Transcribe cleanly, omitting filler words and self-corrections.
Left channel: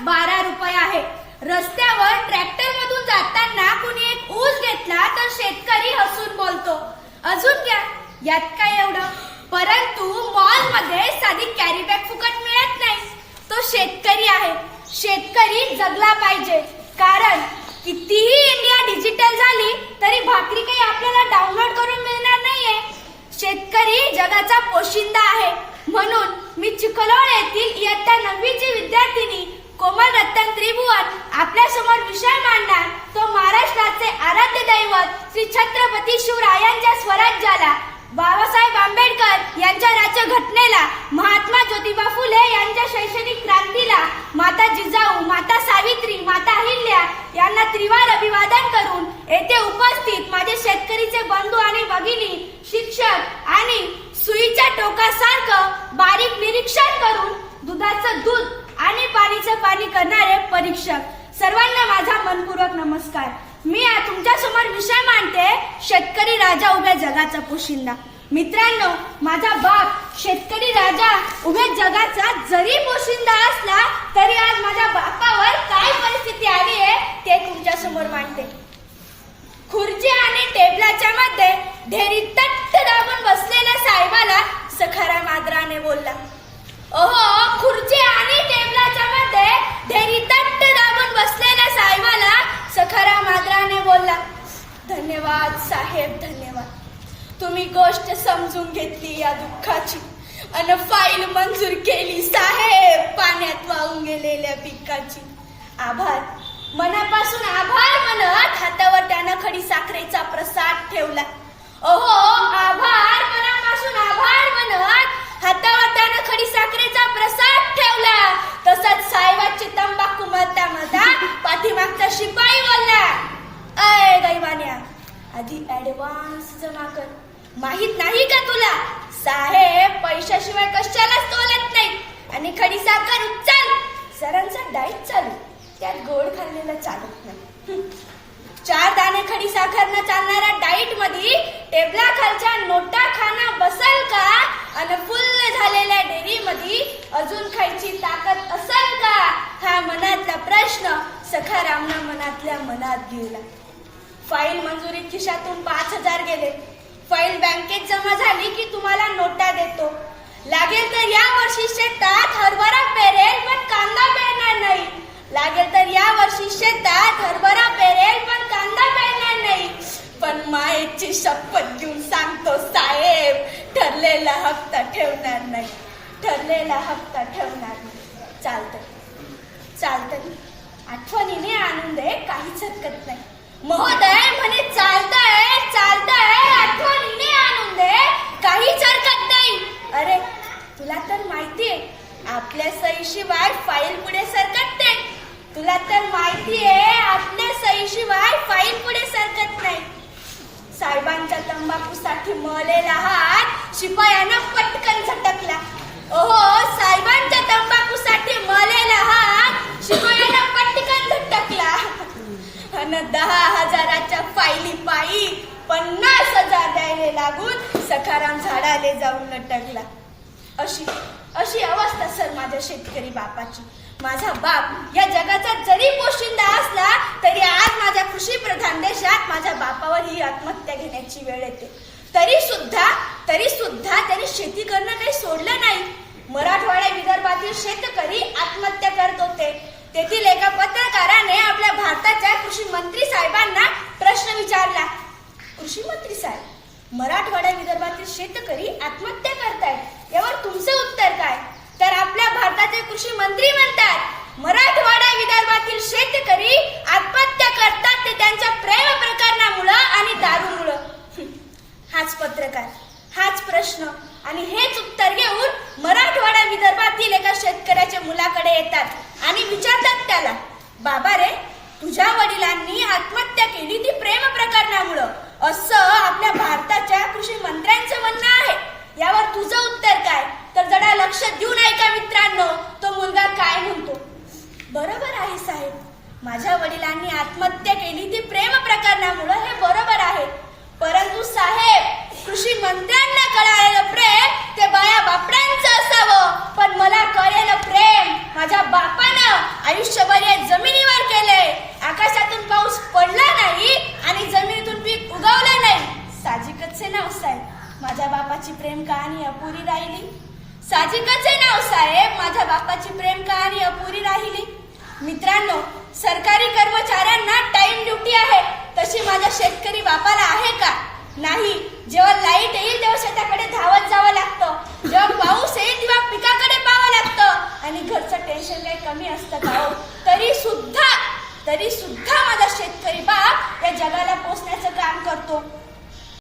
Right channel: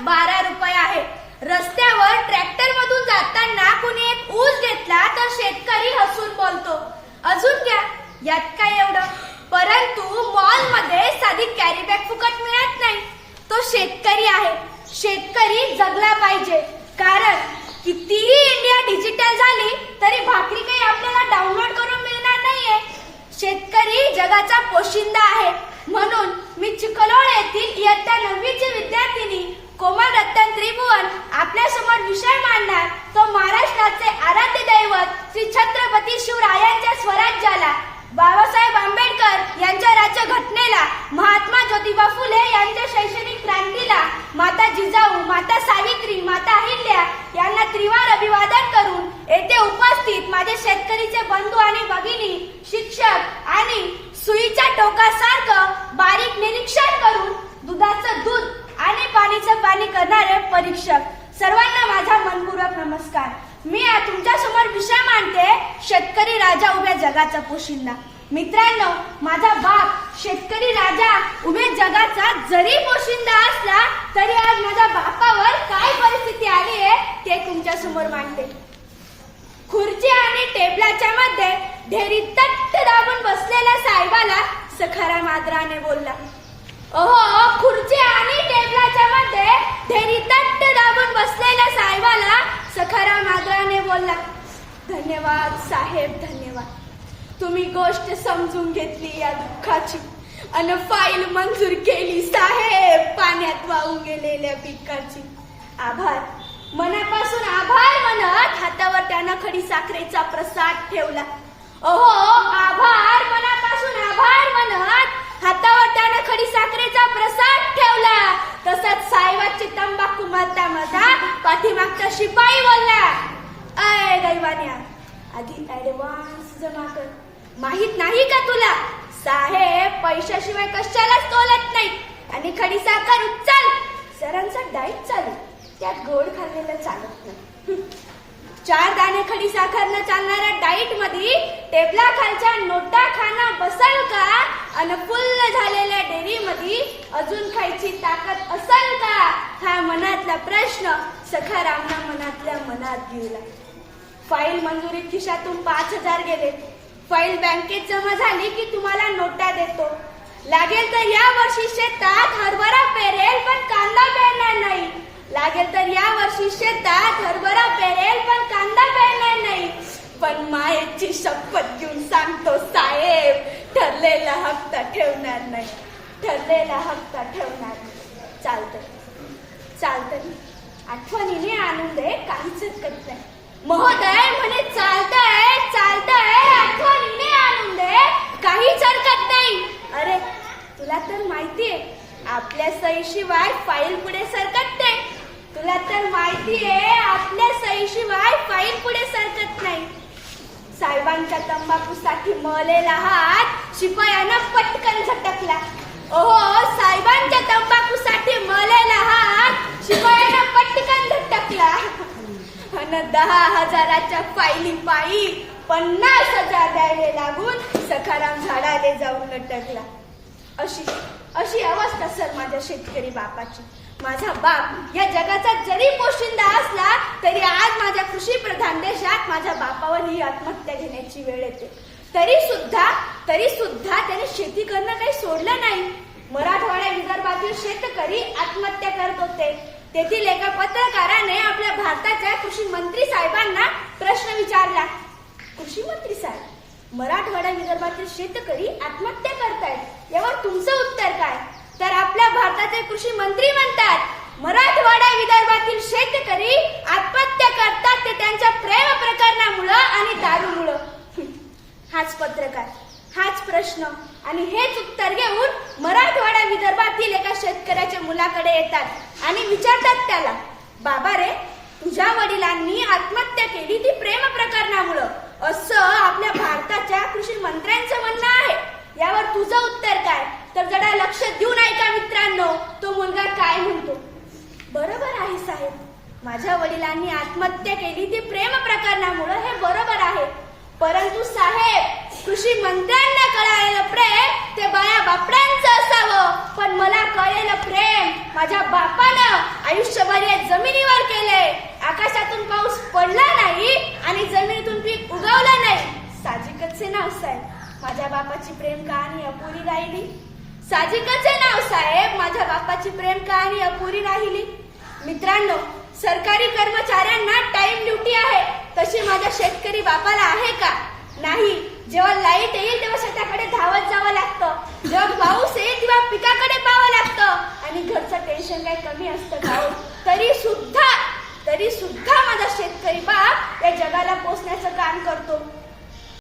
12 रुपये आहे. रस्त्यावर ट्रॅक्टर मधून जाताना कुणी एक ऊस घेतला तर शेतकरी हसून बोलतो, अजून घ्या, यात काय एवढं. परंतु मॉल मध्ये साधी कॅरी बॅग फुकट मिळत नाही. तो शेतकरी आहे. शेतकरी जगला पाहिजे, कारण कितीही इंडिया डिजिटल झाली तरी भाकरी काही आपल्याला डाउनलोड करून मिळणार नाहीये. शेतकरी जगाचा पोशिंदा आहे. म्हणून मी चिखलोड येथील इयत्ता 9वीची विद्यार्थिनी कोमल रतन त्रिभुवन आपल्या समोर विषय मांडणार तो महाराष्ट्राचे आराध्य दैवत श्री छत्रपती शिवरायांच्या स्वराज्याला, बाबासाहेब आंबेडकर यांच्या राज्यघटनेला, महात्मा ज्योतिबा फुले यांच्या शैक्षणिक क्रांतीला, माता जिजाऊ, माता सावित्री, माता अहिल्या यांना त्रिवार अभिवादन करून येथे उपस्थित माझे शेतकरीचे बंधू आणि भगिनी, शिक्षक आणि सुईच्या टोकासारखं बारीक निरीक्षण करून दुधाचं दूध आणि पाणीचं पाणी करणारे परीक्षक, सर्वांना माझा मनपूर्वक नमस्कार. मी तुमच्या समोर विषय मांडते, शेतकरी राजा उभ्या जगाचा पोशिंदा. मित्रांनो, माझा बाप शेतकरी राजा उभ्या जगाचा जरी पोशिंदा असला तरी आज माझ्या बापावर काय परिस्थिती आली आहे ते तुमच्या समोर मांडते. खुर्ची आणि टेबलाच्या मध्ये ढेरी तट्ट दाबून बसलेल्या साहेबाला सखाराम आदराने बोलला. ओहो, खुर्ची आणि टेबलाच्या मध्ये ढेरी तट्ट दाबून बसलेल्या साहेबाला सखाराम आदराने बोलला. धन्यवाद साहेब, धन्यवाद. तुम्ही गोष्ट समजून घेतली या दुःखाची अन फाईल मंजूर केली साहेब पाण्यात वाहून गेलेल्या पिकाची. आभार, मनापासून आभार म्हणत हातावर त्यानं खडी साखरेचा प्रसाद ठेवला. ओहो, आभार, मनापासून आभार म्हणत हातावर त्यानं खडी साखरेचा प्रसाद ठेवला. तसंच साहेबाची तंबाखू मरता मरता पाठीमागचा शिपाई बोलला, अय दैवान्या, आधी ऍडव्हान्स जमा कर. माहित नाही का तुला, साहेब पैशाशिवाय कशालाच तोलत नाही. आणि खडी साखर उचल. सरांचा डाएट चालू, त्यात गोड खाल्लेलं चालत नाही. 4 दाणे खडी साखर न चालणाऱ्या डाईट मध्ये टेबला खालच्या नोटा खाणं बसल का? अन फुल्ल झालेल्या डेअरी मध्ये अजून खायची ताकद असल का? हा मनातला प्रश्न सखारामना मनातल्या मनात घेऊला. फाईल मंजुरीत खिशातून 5,000 गेले. फाईल बँकेत जमा झाली की तुम्हाला नोटा देतो. लागेल तर या वर्षी शेतात हरभरा पेरेल पण कांदा पेरणार नाही. लागेल तर या वर्षी शेतात हरभरा पेरेल पण कांदा पेरणार नाही. पण मायेची शपथ घेऊन सांगतो साहेब, ठरलेला हप्ता ठेवणार नाही. ठरलेला हप्ता ठेवणार नाही. चालतंय, आठवणीने आणून दे, काहीच हरकत नाही. महोदय म्हणे चालतंय, आठवणीने आणून दे, काहीच हरकत नाही. अरे तुला तर माहितीये आपल्या सहीशिवाय फाईल पुढे सरकत नाही. तुला तर माहितीये आपल्या सहीशिवाय फाईल पुढे सरकत नाही. साहेबांच्या तंबाखूसाठी मळलेला हात शिपायानं पटकन झटकला. ओहो, साहेबांच्या तंबाखूसाठी मळलेला हात शिपायानं पटकन झटकला. अन 10,000च्या फाईली पायी 50,000 द्यायला लागून सखाराम झाडाले जाऊन लटकला. अशी अवस्था सर माझ्या शेतकरी बापाची. माझा बाप या जगाचा जरी पोशिंदा असला तरी आज माझ्या कृषी प्रधान देशात माझ्या बापावर ही आत्महत्या घेण्याची वेळ येते. तरी सुद्धा त्याने शेती करणं काही सोडलं नाही. मराठवाड्या विदर्भातील शेतकरी आत्महत्या करत होते. तेथील एका पत्रकाराने आपल्या भारताच्या कृषी मंत्री साहेबांना प्रश्न विचारला, कृषी मंत्री साहेब, मराठवाडा विदर्भातील शेतकरी आत्महत्या करतायत, यावर तुमचं उत्तर काय? तर आपल्या भारताचे कृषी मंत्री म्हणतात, मराठवाडा विदर्भातील शेतकरी आत्महत्या करतात ते त्यांच्या प्रेम प्रकरणामुळं आणि दारूमुळं. हाच पत्रकार, हाच प्रश्न आणि हेच उत्तर घेऊन मराठवाडा विदर्भातील एका शेतकऱ्याच्या मुलाकडे येतात आणि विचारतात त्याला, बाबा रे, तुझ्या वडिलांनी आत्महत्या केली ती प्रेम प्रकरणामुळं, असं आपल्या भारताच्या कृषी मंत्र्यांचं म्हणणं आहे. यावर तुझं उत्तर काय? तर जरा लक्ष देऊन ऐका मित्रांनो, तो मुलगा काय म्हणतो. बरोबर आहे साहेब, माझ्या वडिलांनी आत्महत्या केली ती प्रेम प्रकरणामुळं, हे बरोबर आहे. परंतु साहेब, कृषी मंत्र्यांना कळालेलं प्रेम ते बाया बापड्यांचं असावं, पण मला कळलेलं प्रेम माझ्या बापानं आयुष्यभर या जमिनीवर केलंय. आकाशातून पाऊस पडला नाही आणि जमिनीतून पीक उगवलं नाही. साहजिकच आहे नाव साहेब, माझ्या बापाची प्रेम कहाणी अपुरी राहिली. साहजिकच आहे नाव साहेब, माझ्या बापाची प्रेम कहाणी अपुरी राहिली. मित्रांनो, सरकारी कर्मचाऱ्यांना टाइम ड्युटी आहे, तशी माझ्या शेतकरी बापाला आहे का? नाही. जेव्हा लाईट येईल तेव्हा शेताकडे धावत जावं लागतं, जेव्हा पाऊस येईल तेव्हा पिकाकडे पाहावं लागतं आणि घरचं टेन्शन काही कमी असतं का हो? तरी सुद्धा माझा शेतकरी बाप या जगाला पोचण्याचं काम करतो.